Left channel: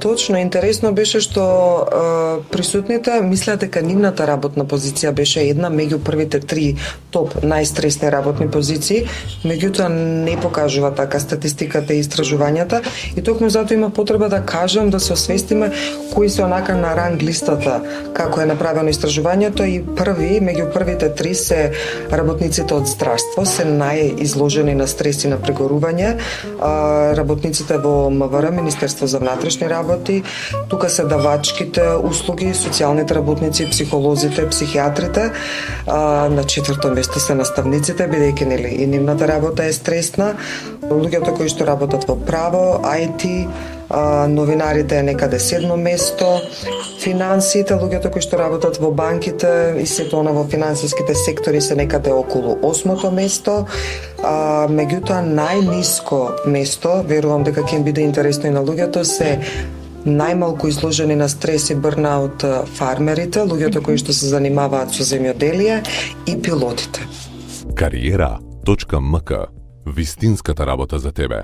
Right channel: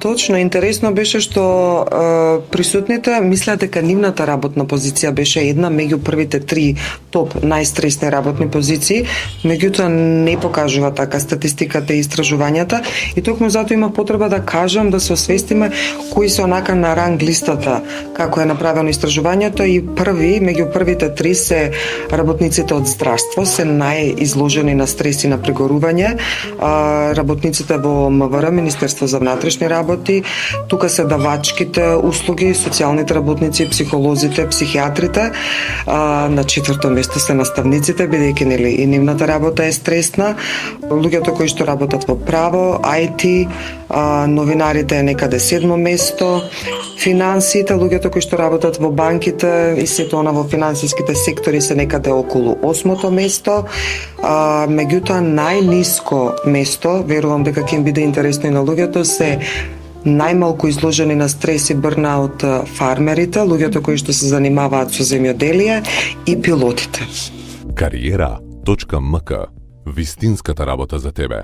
Точно, интересно беше што присутните мислеа дека нивната работна позиција беше една меѓу првите 3 топ најстресни работни позиции, меѓутоа не покажува така статистиката и истражувањата и токму затоа има потреба да кажам да се освестиме кои се онака на ранг листата како е направено истражувањето и меѓу првите 3 се работниците од здравство, се најизложени на стрес и на прегорување, работниците во МВР, Министерство за внатрешни работи, тука се давачките услуги, социјалните работници, психолозите, психијатрите, на 4-то место се наставниците, бидејќи нели и нивната работа е стресна, луѓето кои што работат во право, IT, новинарите е некаде 7-мо место, финансите, луѓето кои што работат во банките и сето она во финансиските сектори се некаде околу 8-то место, меѓутоа најниско место, верувам дека ќе им биде интересно и на луѓето, се најмалку изложени на стрес и бърнаут фармерите, луѓето кои што се занимаваат со земјоделие и пилотите. Кариера.мк. Вистинската работа за тебе.